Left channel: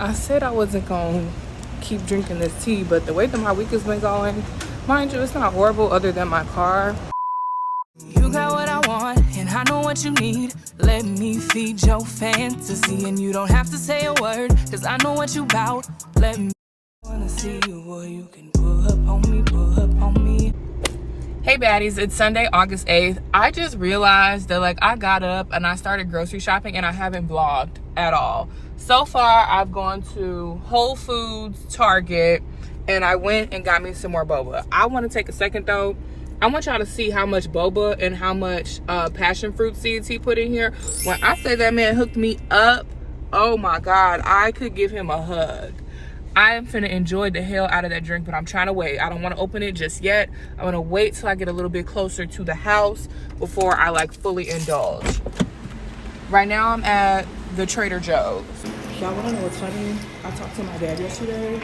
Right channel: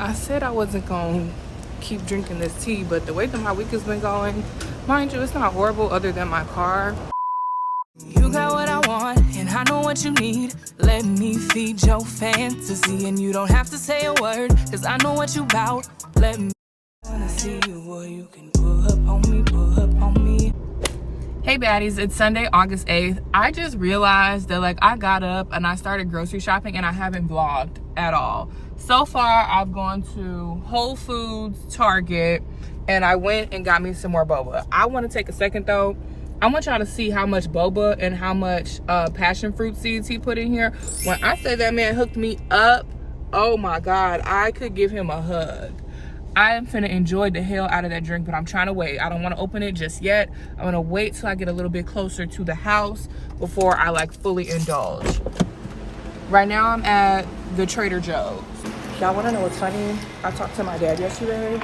I said I wasn't gonna keep drinking this tea, but the way that my week has been going, mind you, it's not horrible other than my car. You got what I want, and I know what you need. Let me feed your fantasy, and you don't have to say a word, cause I know what you bout. Let me wanna see you, boy, you can pull up on me, pull up on me. Hey baddies, it's Sunday, August 8th. I just realized that I got up and I started grocery shopping and I haven't vlogged at all. So far, I've gone to Whole Foods, Target, and I went and got me some more boba. I want to take a second though. I want y'all to see how much boba and how much passion fruit seeds he put in here. When I say that man hooked me up, oh my God, I could give him a hug. I am finna enjoy the hell out of that drink, but I'm trying to wait. I don't want to open it just yet. I'm gonna wait till I get a little bit closer to the house before I fully indulge. Right now I'm at the Trader Joe's. Y'all wanna know what's funny? I talked to my dad yesterday.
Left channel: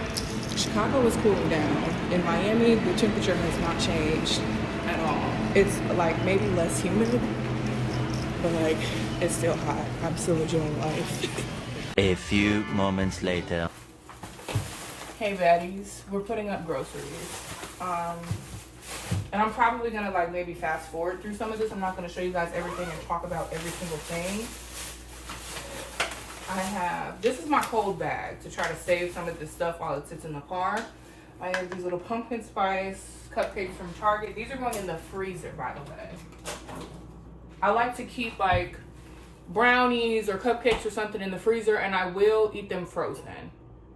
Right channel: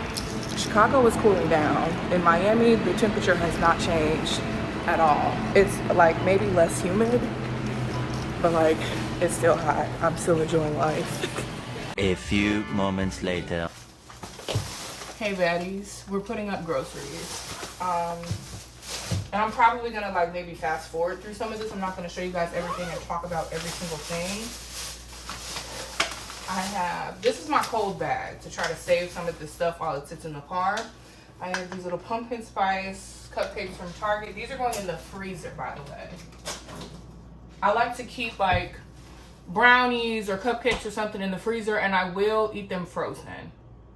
Chicago is cooling down. In Miami, the temperature has not changed at all. It's maybe less humid, but it's still hot. I'm still enjoying life. A few moments later. Hey baddies, we're putting up groceries. And I'm probably gonna maybe fast forward through some of this. I'm not gonna show you guys everything and talk about every single thing. This is my cold bag to try to save some of this stuff while it sits in the car. I have these little pumpkin spice cupcakes from Target. These are going in the freezer, by the way. I like to keep brownies or cupcakes or something in the freezer, and I will eat them frozen.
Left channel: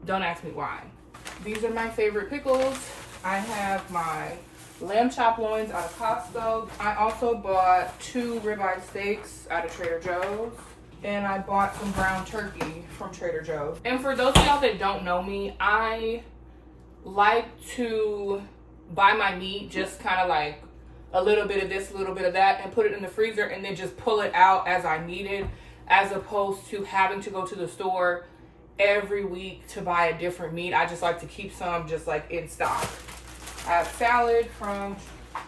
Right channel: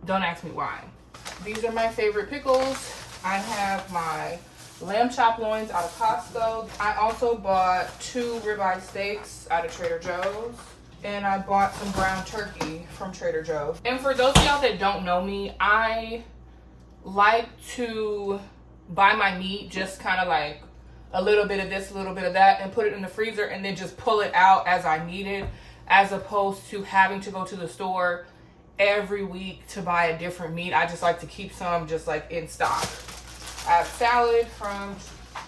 Don't ask me why. These are my favorite pickles. I have my lamb chop loins out of Costco. I also bought 2 ribeye steaks out of Trader Joe's. And I bought some ground turkey from Trader Joe's. And for those of y'all that don't know me, I like to buy my meat just kind of a little bit of this, a little bit of that, and put it in the freezer and then just pull it out as I need it, as opposed to having to go to the store every week to buy a different meat. I just like to keep some just in stock. I have salad from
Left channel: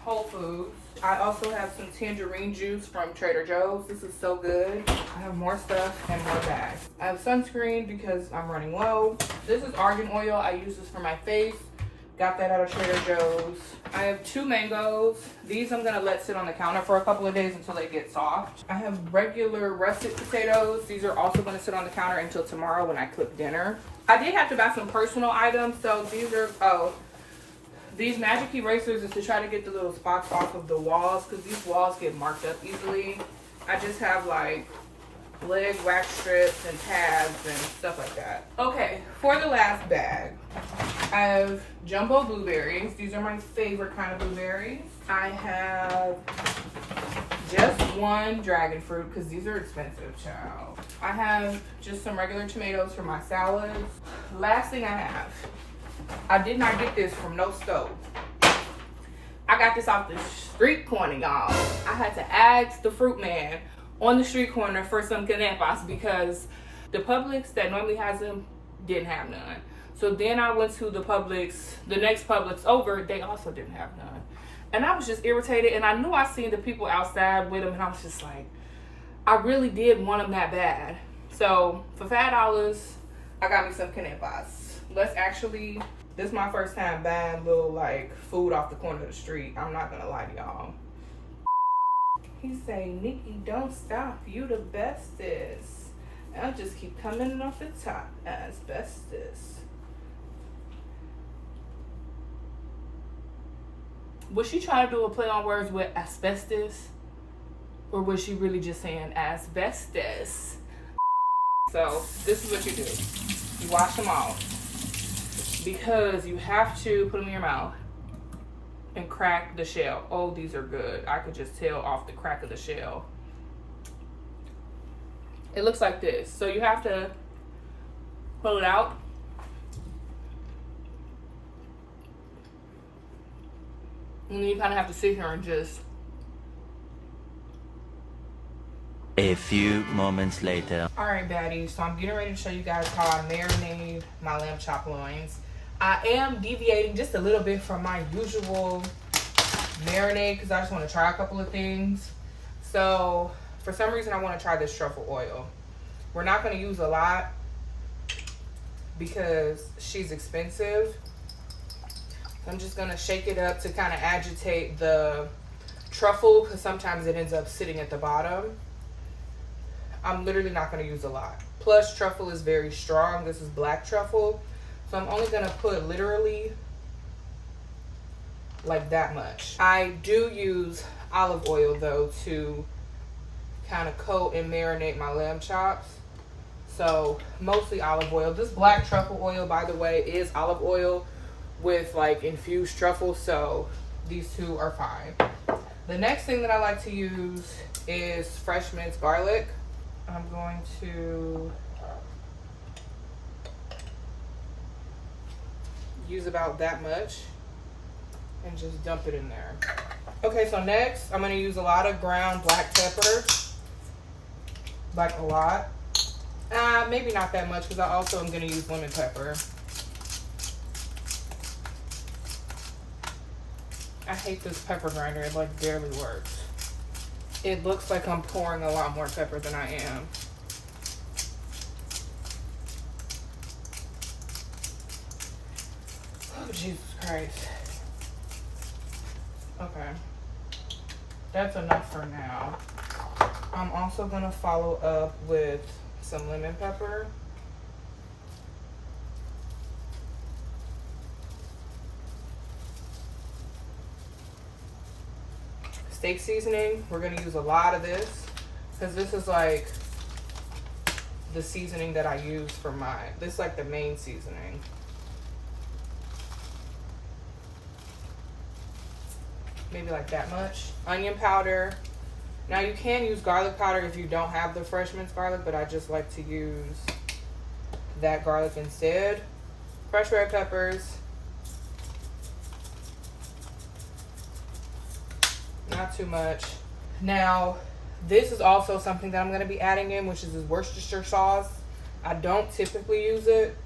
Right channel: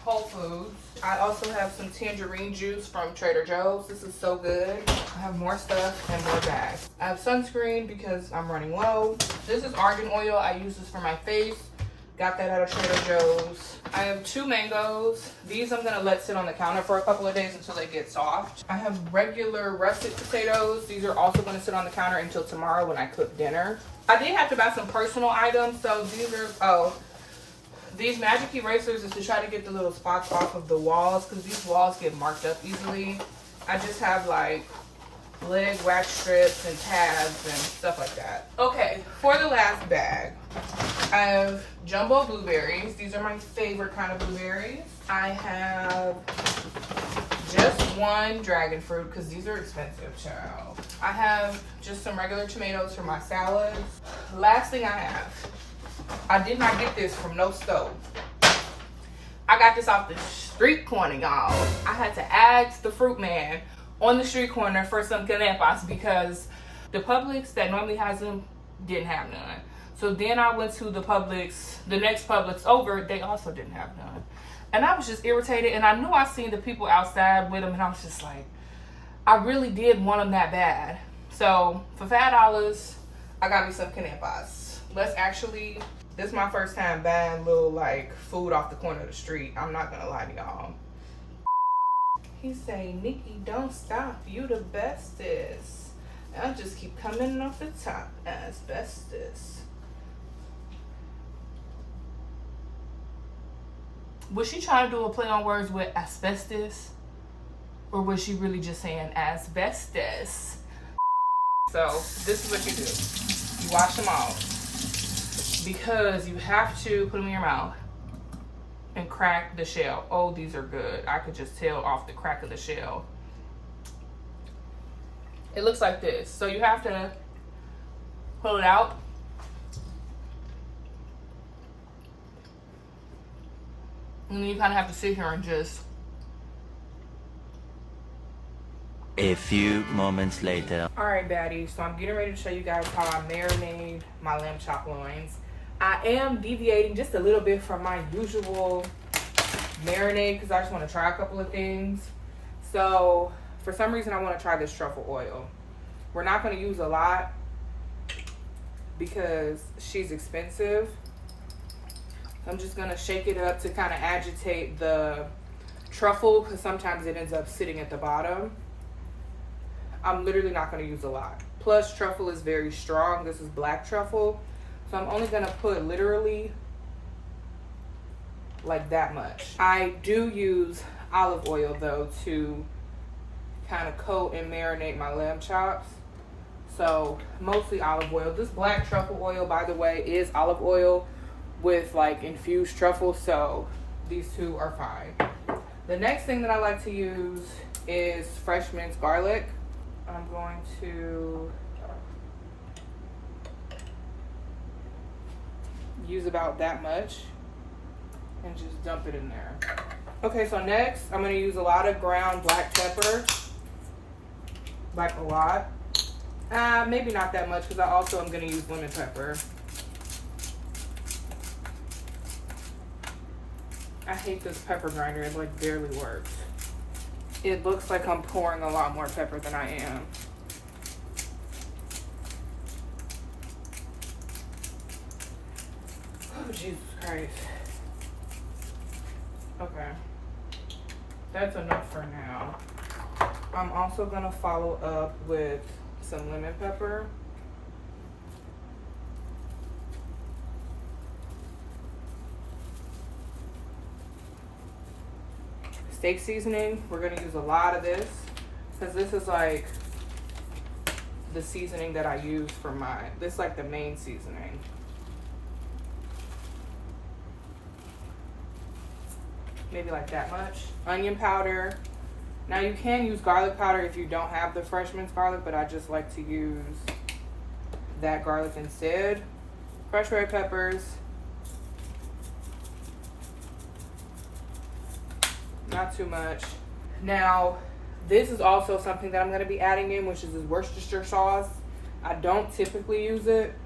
Whole Foods. I also have some tangerine juice from Trader Joe's. This is so good. I have more stuff and more bags. I have sunscreen because I'm running low. This is argan oil. I use this for my face. Got that out of Trader Joe's. I have 2 mangoes. These I'm gonna let sit on the counter for a couple of days until they get soft. I have regular russet potatoes. These are also gonna sit on the counter until tomorrow when I cook dinner. I did have to buy some personal items. So these are, these magic erasers is to try to get the little spots off of the walls because these walls get marked up easily. I just have leg wax strips and tabs and stuff like that. Okay, for the last bag, I have jumbo blueberries. These are my favorite kind of blueberries. I have just 1 dragon fruit because these are expensive, child. I have just some regular tomatoes for my salads. Last thing I did not get this from no stove. I got this off the street corner, y'all. I had to ask the fruit man on the street corner for some canepas because the Publix that normally has them didn't have none. So then I went to the next Publix over, they also didn't have none. And I was just irritated, and I knew I seen the people outside with them, and I was just I really did want them that bad. So for $5, I got me some canepas. This is my first time buying little food off the corner of the street. I'm not gonna lie to y'all. He say, Nikki, don't stop. You the bestest. I'll just keep coming off the top as bestest. Was she trying to do a play on words with asbestos? Or was she really just saying asbestos? So this is what you do. You wash them off. Because you have to put them in your mouth and crack the shell. Oh, these are good. I could just tell off the crack of the shell. It looks like this. So you have to pull it out. And then you kind of have to sit here and just... A few moments later. All right, baddies. So I'm getting ready to show you guys how I marinate my lamb chop loins. I am deviating just a little bit from my usual marinade because I just want to try a couple of things. So for some reason I want to try this truffle oil. We're not going to use a lot. because she's expensive. I'm just gonna shake it up to kind of agitate the truffle, because sometimes it ends up sitting at the bottom. I'm literally not gonna use a lot. Plus, truffle is very strong. This is black truffle. So I'm only gonna put literally like that much. I do use olive oil though to kind of coat and marinate my lamb chops. So mostly olive oil. This black truffle oil, by the way, is olive oil with like infused truffle, so these two are fine. The next thing that I like to use is fresh minced garlic. I'm going to use about that much and just dump it in there. Okay, so next I'm going to use a lot of ground black pepper, like a lot. Maybe not that much, because I also am going to use lemon pepper. I hate this pepper grinder. It like barely works. It looks like I'm pouring a lot more pepper than I am. Oh, Jesus Christ. Okay. That's enough for now. I'm also gonna follow up with some lemon pepper. Steak seasoning, we're gonna use a lot of this because this is like the seasoning that I use for mine. This is like the main seasoning. Maybe like that much. Onion powder. Now you can use garlic powder if you don't have the fresh minced garlic, but I just like to use that garlic instead. Fresh red peppers. Not too much. Now, this is also something that I'm going to be adding in, which is this Worcestershire sauce. I don't typically use it,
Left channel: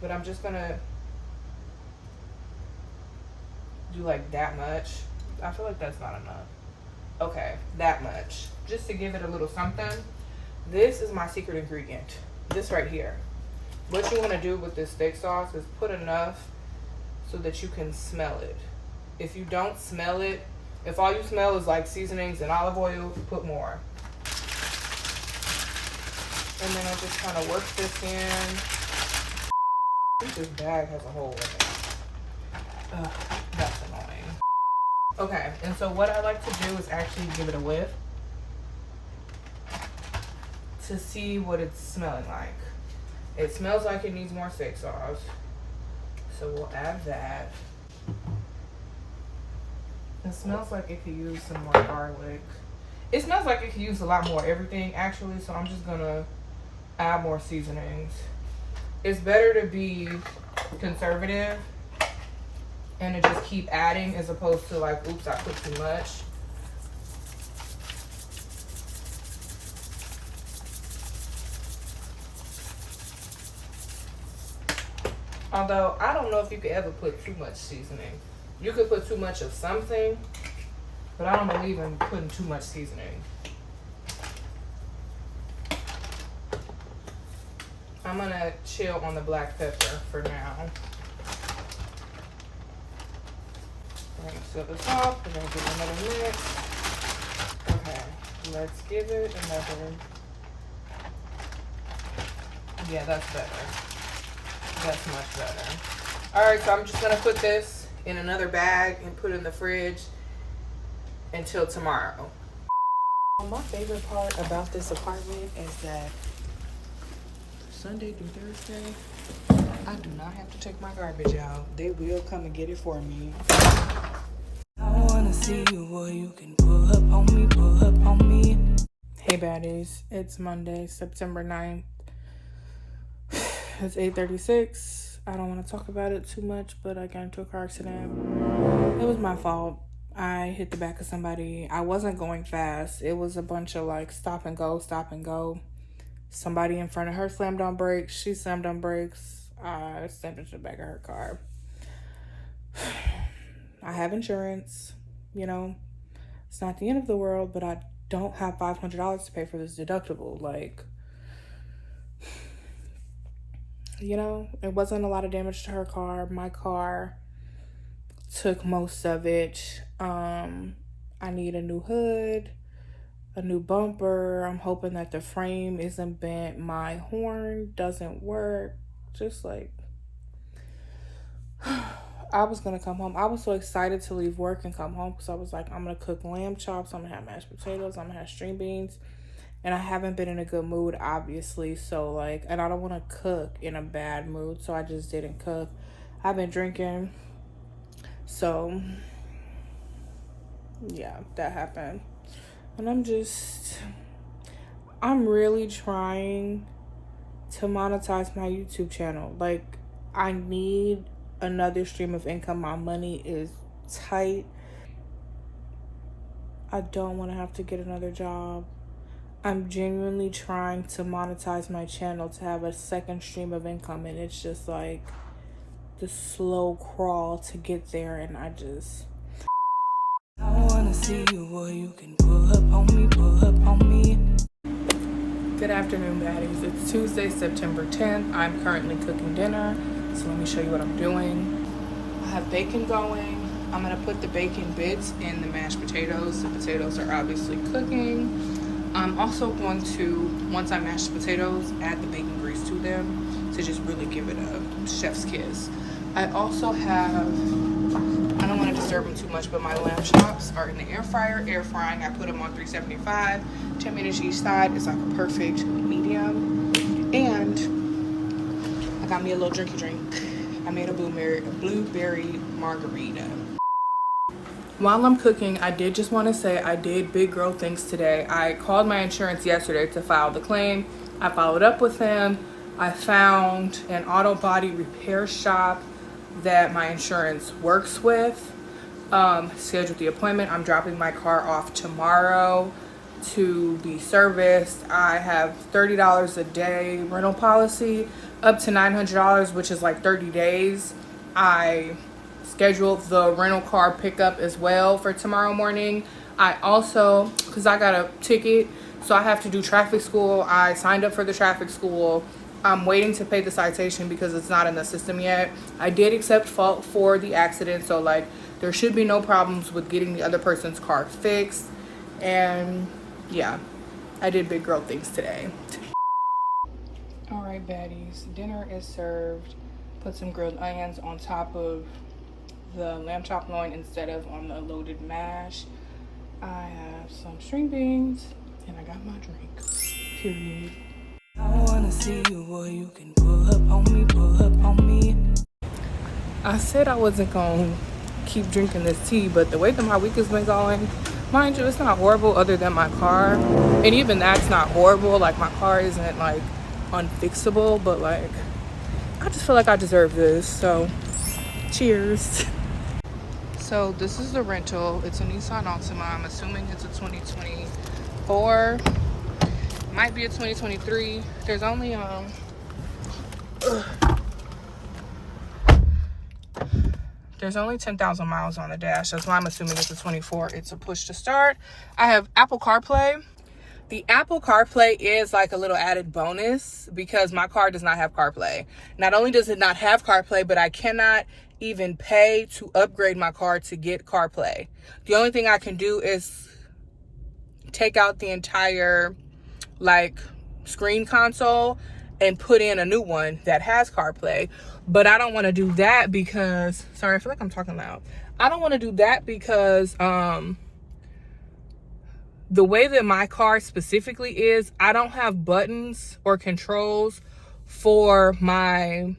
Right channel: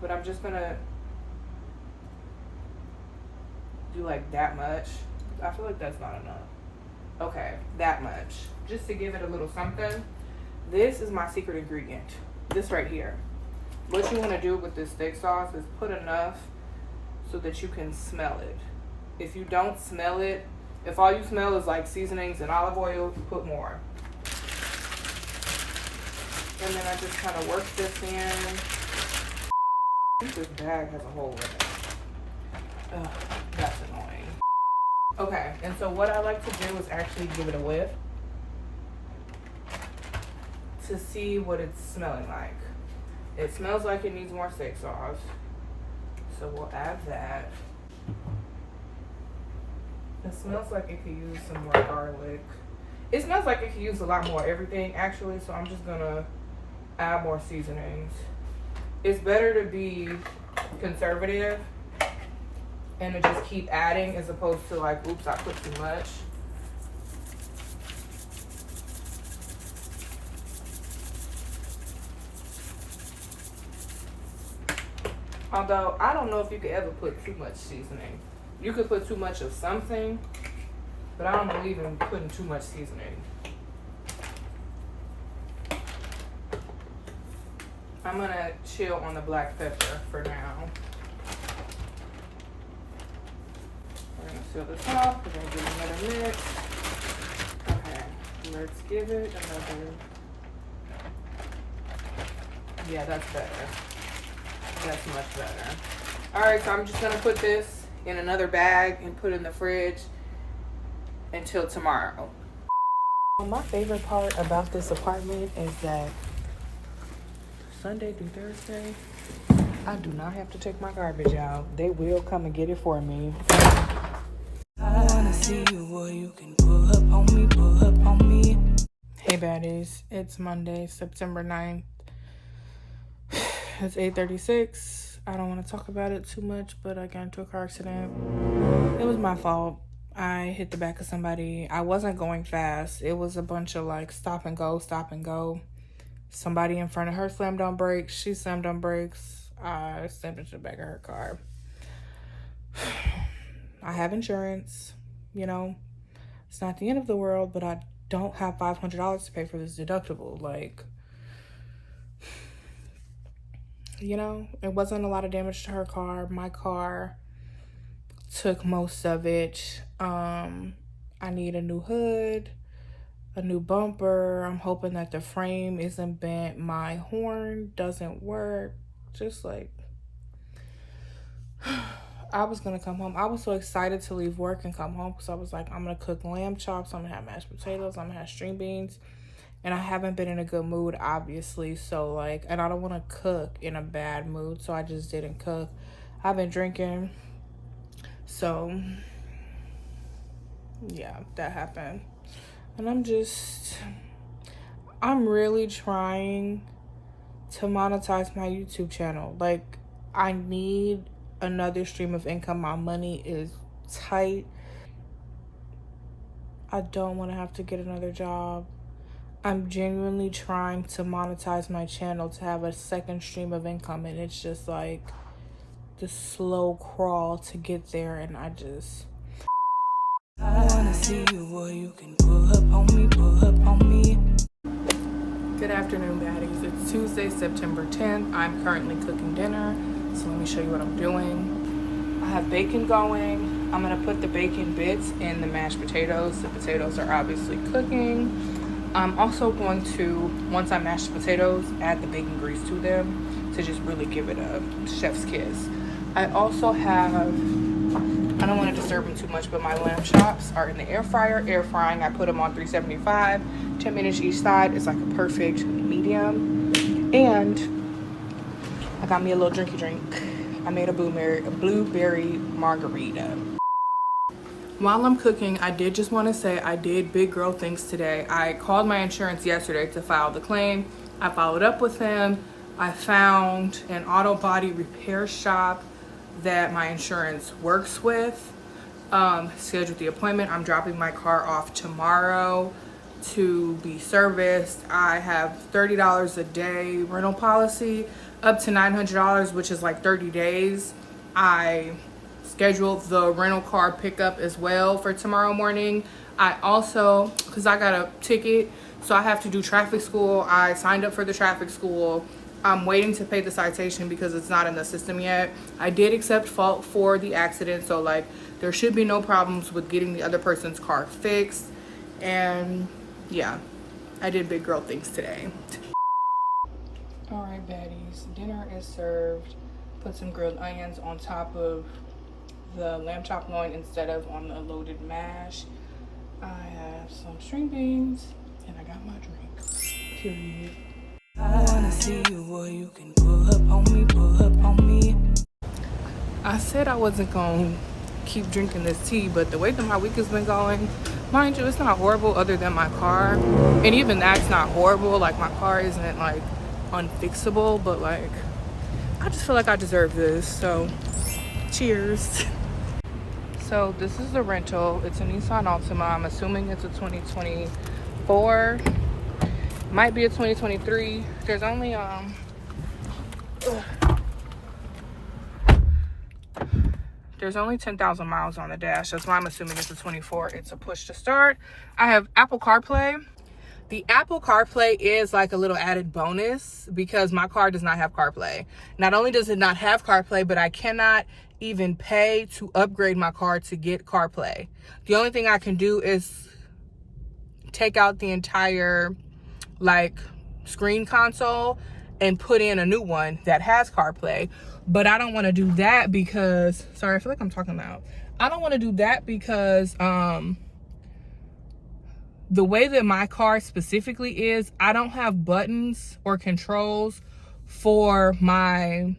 but I'm just going to do like that much. I feel like that's not enough. Okay, that much. Just to give it a little something. This is my secret ingredient. This right here. What you want to do with this steak sauce is put enough so that you can smell it. If you don't smell it, if all you smell is like seasonings and olive oil, put more. And then I just kind of work this in. I think this bag has a hole in it. Ugh, that's annoying. Okay, and so what I like to do is actually give it a whiff to see what it's smelling like. It smells like it needs more steak sauce, so we'll add that. It smells like it could use some more garlic. It smells like it could use a lot more everything, actually, so I'm just gonna add more seasonings. It's better to be conservative and to just keep adding as opposed to like, oops, I put too much. Although, I don't know if you could ever put too much seasoning. You could put too much of something, but I don't believe in putting too much seasoning. I'm gonna chill on the black pepper for now. We're gonna seal this off. We're gonna give it another mix. Okay, let's give it another. Yeah, that's better. That's much better. All right, so I'm just gonna put this in another bag and put it in the fridge until tomorrow. My favorite part about this apartment is that Sunday through Thursday, I do not have to take my garbage out. They will come and get it for me. I wanna see you, boy, you can pull up on me, pull up on me. Hey baddies, it's Monday, September 9th. It's 8:36. I don't want to talk about it too much, but I got into a car accident. It was my fault. I hit the back of somebody. I wasn't going fast. It was a bunch of like stop and go, stop and go. Somebody in front of her slammed on brakes. She slammed on brakes. I slammed into the back of her car. I have insurance, you know. It's not the end of the world, but I don't have $500 to pay for this deductible. Like, you know, it wasn't a lot of damage to her car. My car took most of it. I need a new hood, a new bumper. I'm hoping that the frame isn't bent. My horn doesn't work. Just like, I was gonna come home. I was so excited to leave work and come home because I was like, I'm gonna cook lamb chops, I'm gonna have mashed potatoes, I'm gonna have string beans. And I haven't been in a good mood, obviously. So like, and I don't want to cook in a bad mood, so I just didn't cook. I've been drinking. So yeah, that happened. And I'm really trying to monetize my YouTube channel. Like, I need another stream of income. My money is tight. I don't want to have to get another job. I'm genuinely trying to monetize my channel to have a second stream of income, and it's just like the slow crawl to get there. And I wanna see you, boy, you can pull up on me, pull up on me. Good afternoon, baddies. It's Tuesday, September 10th. I'm currently cooking dinner, so let me show you what I'm doing. I have bacon going. I'm gonna put the bacon bits in the mashed potatoes. The potatoes are obviously cooking. I'm also going to, once I mash the potatoes, add the bacon grease to them to just really give it a chef's kiss. I also have, I don't want to disturb them too much, but my lamb chops are in the air fryer, air frying. I put them on 375, 10 minutes each side. It's like a perfect medium. And I got me a little drinky drink. I made a blueberry margarita. While I'm cooking, I did just want to say I did big girl things today. I called my insurance yesterday to file the claim. I followed up with him. I found an auto body repair shop that my insurance works with. Scheduled the appointment. I'm dropping my car off tomorrow to be serviced. I have $30 a day rental policy, up to $900, which is like 30 days. I scheduled the rental car pickup as well for tomorrow morning. I also, because I got a ticket, so I have to do traffic school. I signed up for the traffic school. I'm waiting to pay the citation because it's not in the system yet. I did accept fault for the accident, so like there should be no problems with getting the other person's car fixed. And yeah, I did big girl things today. All right, baddies, dinner is served. Put some grilled onions on top of the lamb chop loin instead of on the loaded mash. I have some string beans and I got my drink, period. I wanna see you, boy, you can pull up on me, pull up on me. I said I wasn't gonna keep drinking this tea, but the way that my week has been going, mind you, it's not horrible other than my car. And even that's not horrible. Like, my car isn't like unfixable, but like, I just feel like I deserve this. So cheers. So this is the rental. It's a Nisan Altima. I'm assuming it's a 2024. Might be a 2023. There's only there's only 10,000 miles on the dash. That's why I'm assuming it's a 24. It's a push to start. I have Apple CarPlay. The Apple CarPlay is like a little added bonus because my car does not have CarPlay. Not only does it not have CarPlay, but I cannot even pay to upgrade my car to get CarPlay. The only thing I can do is take out the entire like screen console and put in a new one that has CarPlay. But I don't want to do that because, sorry, I feel like I'm talking loud. I don't want to do that because the way that my car specifically is, I don't have buttons or controls for my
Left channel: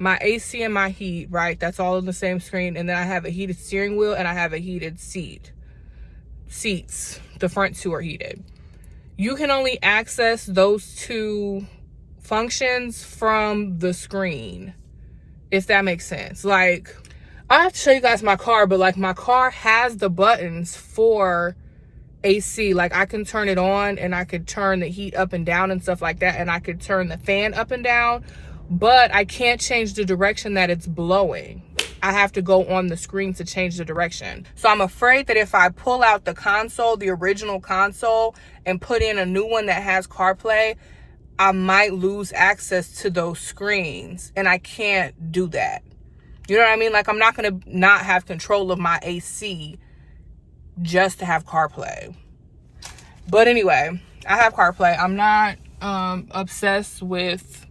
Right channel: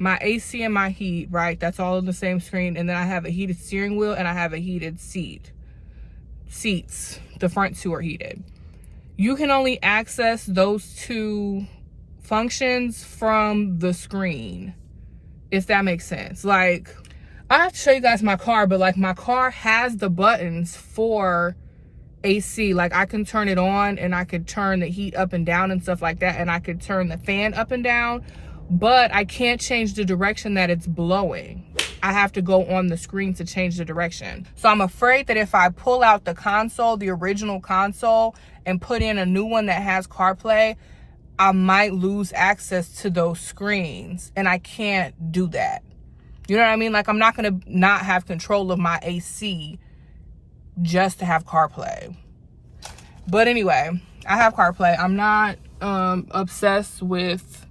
AC and my heat, right? That's all on the same screen. And then I have a heated steering wheel and I have a heated seats. The front two are heated. You can only access those two functions from the screen, if that makes sense. Like, I have to show you guys my car, but like my car has the buttons for AC. Like, I can turn it on and I could turn the heat up and down and stuff like that. And I could turn the fan up and down, but I can't change the direction that it's blowing. I have to go on the screen to change the direction. So I'm afraid that if I pull out the console, the original console, and put in a new one that has CarPlay, I might lose access to those screens, and I can't do that. You know what I mean? Like, I'm not gonna not have control of my AC just to have CarPlay. But anyway, I have CarPlay. I'm not obsessed with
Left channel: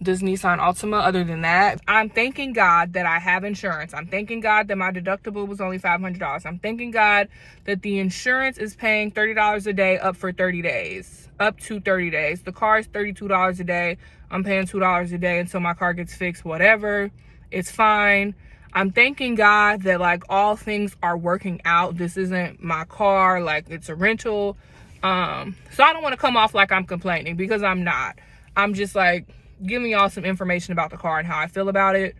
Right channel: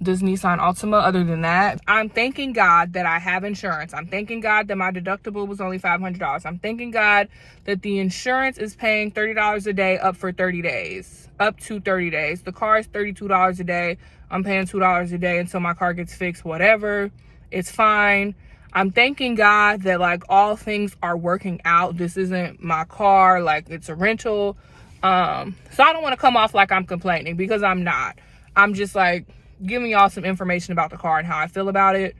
this Nisan Altima. Other than that, I'm thanking God that I have insurance. I'm thanking God that my deductible was only $500. I'm thanking God that the insurance is paying $30 a day up for 30 days, up to 30 days. The car is $32 a day. I'm paying $2 a day until my car gets fixed, whatever. It's fine. I'm thanking God that, like, all things are working out. This isn't my car, like, it's a rental. So I don't want to come off like I'm complaining, because I'm not. I'm just like giving y'all some information about the car and how I feel about it.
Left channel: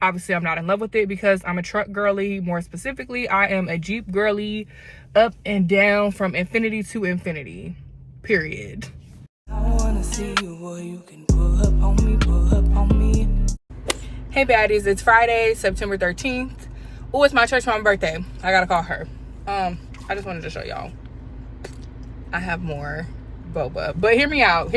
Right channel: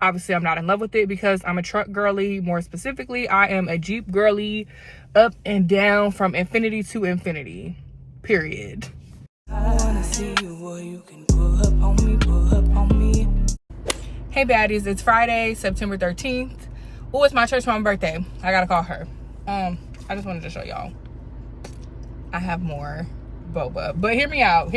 Obviously, I'm not in love with it because I'm a truck girly. More specifically, I am a Jeep girly, up and down from infinity to infinity, period. I wanna see you, boy, you can pull up on me, pull up on me. Hey baddies, it's Friday, September 13th. Oh, it's my church mom's birthday. I gotta call her. I just wanted to show y'all. I have more boba, but hear me out.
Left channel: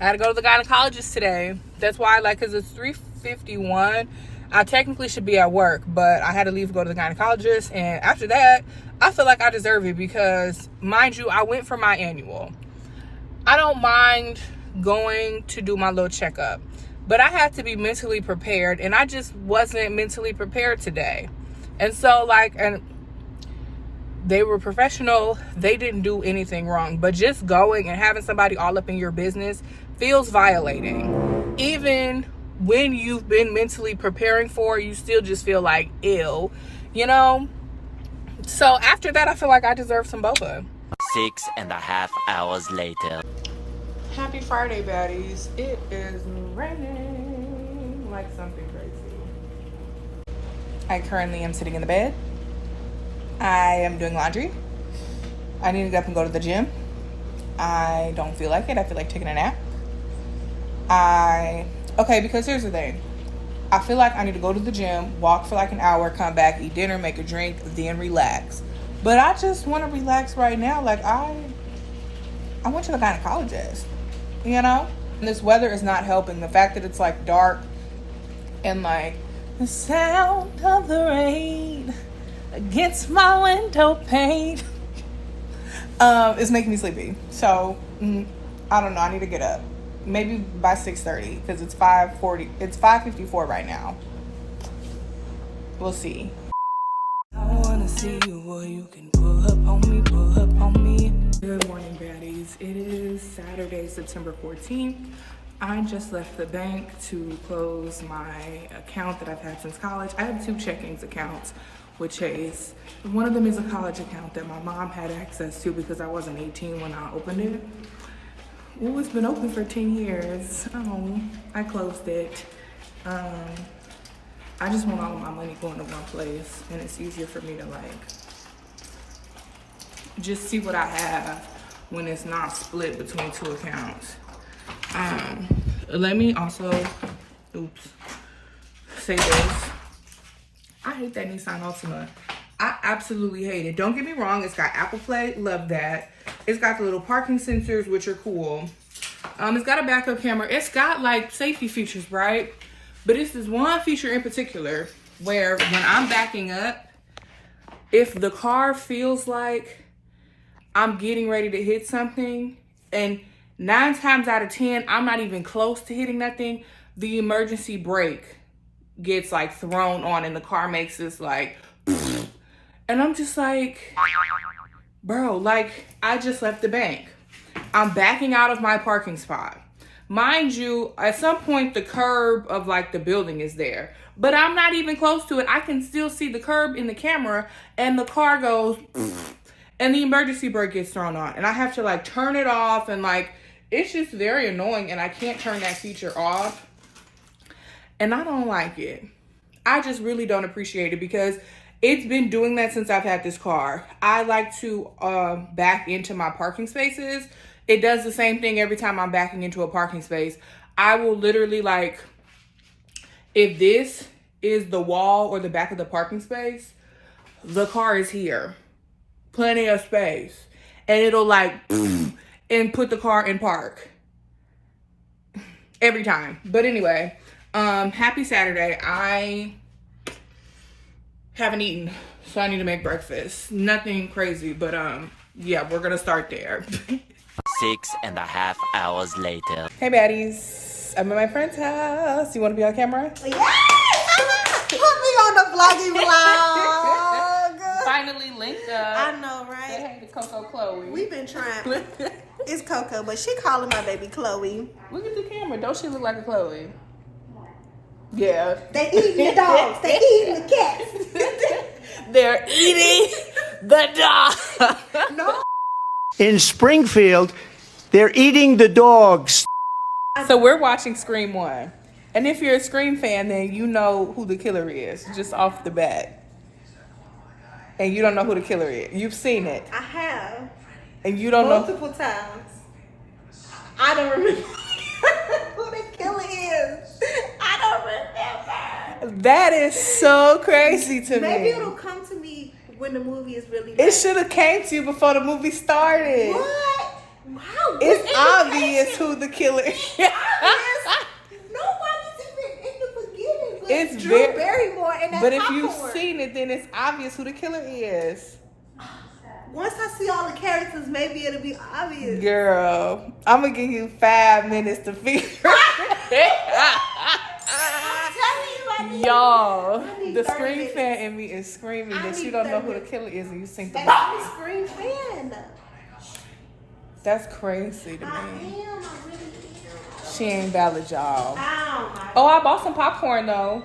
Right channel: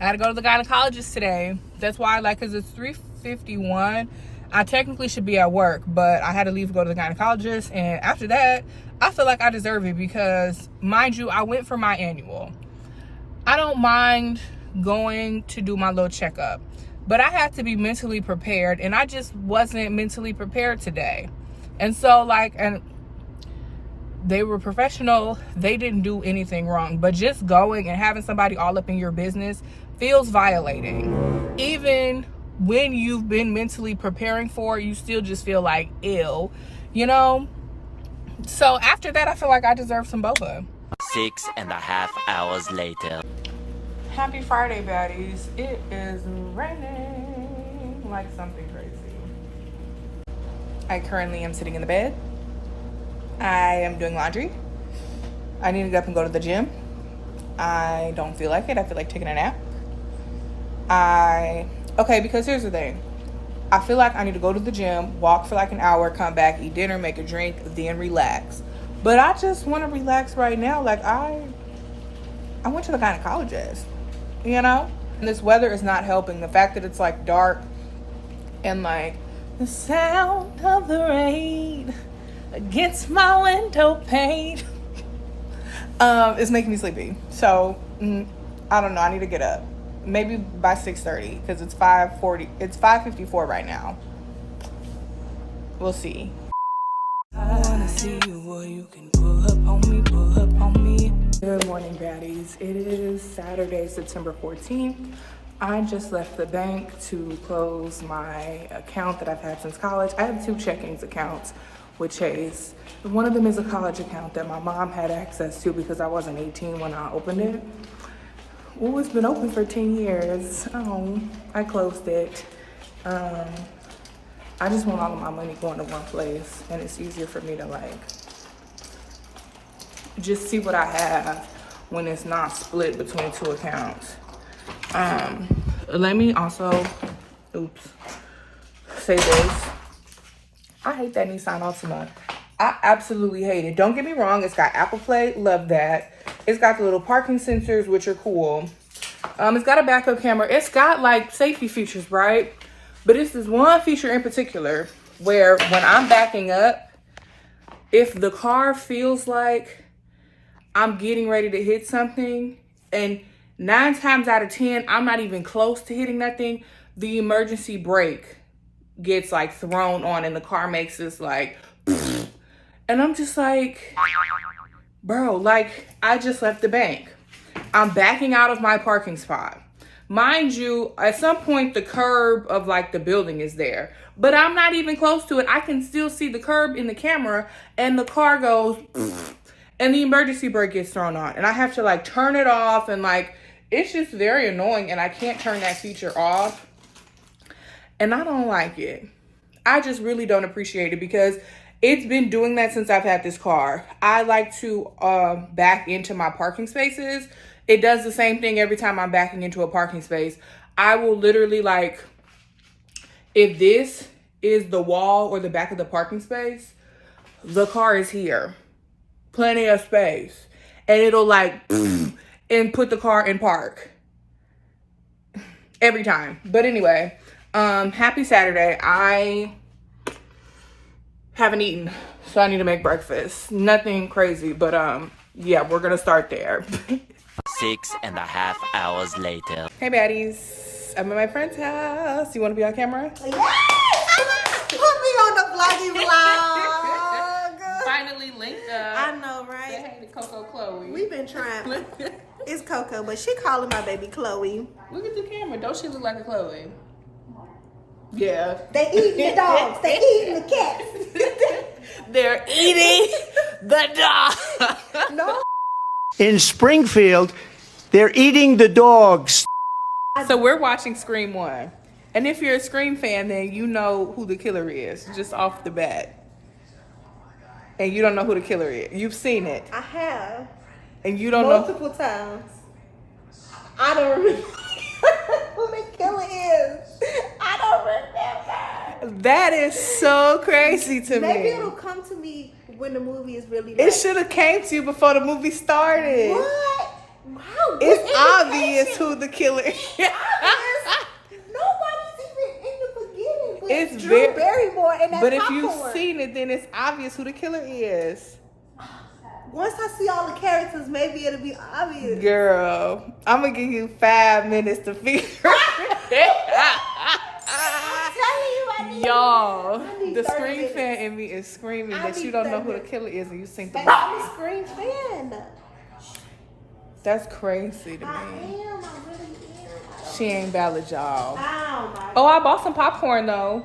I had to go to the gynecologist today. That's why, like, cause it's 3:51. I technically should be at work, but I had to leave to go to the gynecologist. And after that, I feel like I deserve it because, mind you, I went for my annual. I don't mind going to do my little checkup, but I had to be mentally prepared, and I just wasn't mentally prepared today. And so, like, and they were professional. They didn't do anything wrong, but just going and having somebody all up in your business feels violating. Even when you've been mentally preparing for it, you still just feel like ill, you know? So after that, I feel like I deserve some boba. 6.5 hours later. Happy Friday, baddies. It is raining like something crazy. I currently am sitting in the bed. I am doing laundry. I need to get up and go to the gym. I don't feel like it. I feel like taking a nap. Okay, because here's the thing. I feel like I need to go to the gym, walk for like an hour, come back, eat dinner, make a drink, then relax. But I just want to relax right now. Like, I went to the gynecologist, you know? And this weather is not helping. The fact that it's like dark and like the sound of the rain against my window pane is making me sleepy. So I don't know. I need to get up. Maybe by 6:30 because it's 5:40. It's 5:54 right now. We'll see. I wanna see you, boy, you can pull up on me, pull up on me. Good morning, baddies. It is Saturday, September 14th. I just left the bank to close my account that I've had since college. I have 2 checkings accounts with Chase. One of them is a college account that my mom had access to because I wasn't 18 when I opened it. Well, it's been open for 10 years. Oh, I closed it. I just want all of my money going to one place, and it's easier for me to like just see what I have when it's not split between 2 accounts. Let me also, say this. I hate that Nisan Altima. I absolutely hate it. Don't get me wrong. It's got Apple Play. Love that. It's got the little parking sensors, which are cool. It's got a backup camera. It's got like safety features, right? But it's this one feature in particular where when I'm backing up, if the car feels like I'm getting ready to hit something, and 9 times out of 10, I'm not even close to hitting nothing, the emergency brake gets like thrown on and the car makes this like, and I'm just like, bro, like, I just left the bank. I'm backing out of my parking spot. Mind you, at some point, the curb of like the building is there, but I'm not even close to it. I can still see the curb in the camera, and the car goes, and the emergency brake gets thrown on, and I have to like turn it off, and like, it's just very annoying, and I can't turn that feature off, and I don't like it. I just really don't appreciate it because it's been doing that since I've had this car. I like to back into my parking spaces. It does the same thing every time I'm backing into a parking space. I will literally like, if this is the wall or the back of the parking space, the car is here. Plenty of space. And it'll like, and and put the car in park. Every time. But anyway, happy Saturday. I haven't eaten, so I need to make breakfast. Nothing crazy, but yeah, we're gonna start there. 6.5 hours later. Hey baddies, I'm at my friend's house. You want to be on camera? Yeah. Put me on the vloggy vlog. Finally linked up. I know, Say right? hey to Coco Chloe. We've been trying. It's Coco, but she calling my baby Chloe. Look at the camera. Don't she look like a Chloe? Yeah. They eating the dogs. They eating the cats. They're eating the dog. No. In Springfield, they're eating the dogs. So we're watching Scream 1. And if you're a Scream fan, then you know who the killer is, just off the bat. And you don't know who the killer is. You've seen it. I have. And you don't know. Multiple times. I don't remember who the killer is. I don't remember. That is so crazy to Maybe me. it'll come to me when the movie is really It should have came to you before the movie started. What? Wow. It's obvious who the killer is. Nobody's even in the beginning. But It's Drew very- Barrymore and that But if you've popcorn. seen it, then it's obvious who the killer is. Once I see all the characters, maybe it'll be obvious. Girl, I'm gonna give you 5 minutes to figure it out. Y'all, the Scream fan in me is screaming that you don't know who the killer is and you seen the And I'm a movie. Scream fan. That's crazy to I am. me. I really am. She ain't valid, y'all. Oh, my Oh, I bought some popcorn though.